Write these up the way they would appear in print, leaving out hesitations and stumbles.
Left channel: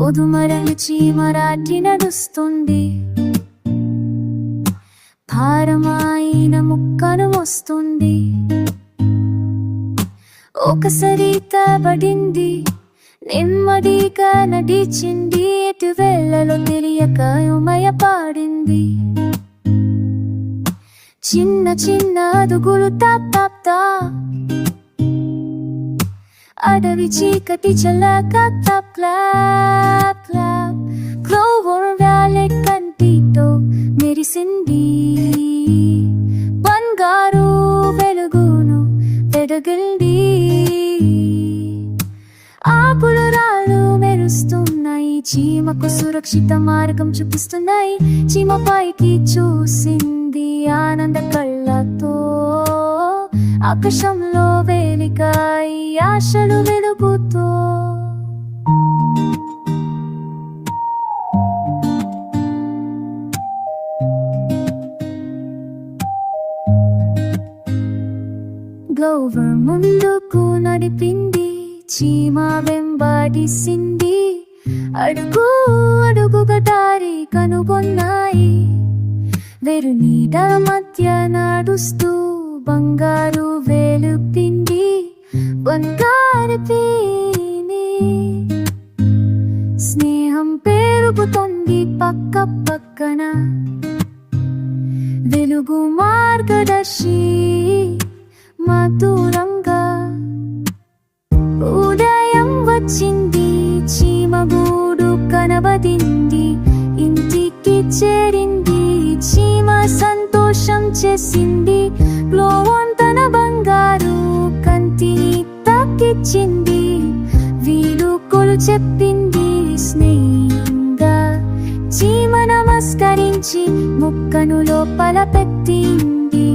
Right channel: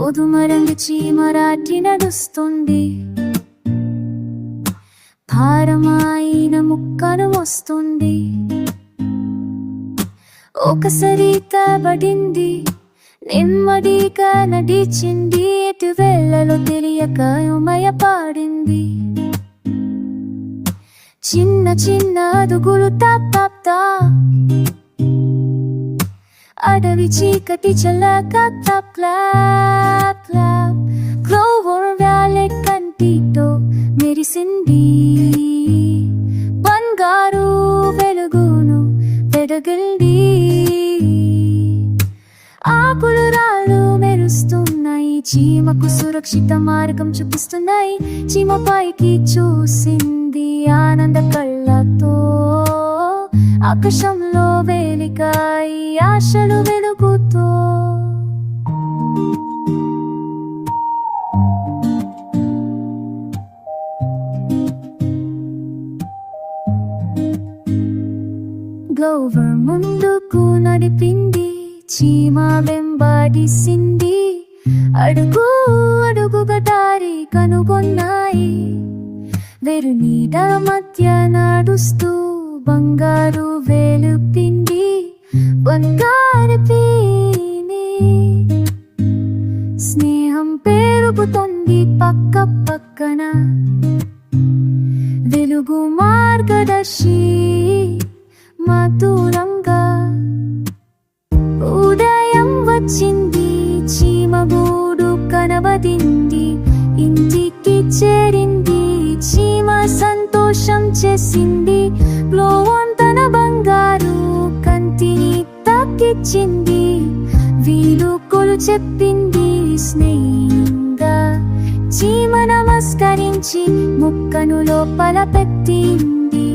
గోధుమరంగు చీమరాటి నడుస్తుంది, భారమైన ముక్కను మోస్తుంది. ఒకసారి తబడింది, నెమ్మదిగా నడిచింది, ఎటు వెళ్ళలో తెలియక ఉమయపాడింది. చిన్న చిన్న అడుగులు టాప్ టాప్ తా, అడవి చీకటి చల్లక క్లాప్ క్లాప్ క్లాప్. క్లోవర్ వ్యాలె కంటితో మెరిసింది, బంగారు వెలుగును వెదగిల్ది. ఆకులు రాళ్ళు మెరుస్తున్నాయి, చీమకు సురక్షిత మార్గం చూపిస్తున్నాయి. చీమ పైకి చూసింది ఆనంద కళ్ళతో, ఆకాశంలో వెలిగాయి ఆశలు వెలుగుతో. గ్లోవర్ ముందుకు నడిపింది, చీమ వెంబడిసింది. అడుగు అడుగుగా దారి కనుగొన్నాయి, వేరు నీడ మధ్య నడుస్తూ బంగారు వెలుపింది. బంగారు పీని స్నేహం పెరుగుతుంది పక్క పక్కన, వెలుగు మార్గదర్శి మధురంగా. ఉదయం వచ్చింది, చీమ గూడు కనబడింది, ఇంటికి చేరింది. చీమ సంతోషం చేసింది, గ్లోవర్ తన బంగారు కంటిని తాకిచ్చింది. వీడుకోలు చెప్పింది స్నేహంగా, చీమ నమస్కరించి ముక్కను లోపల పెట్టింది.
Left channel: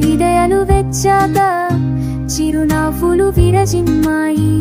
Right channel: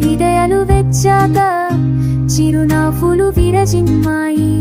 హృదయాలు వెచ్చాక చిరునవ్వులు విరజిమ్మాయి.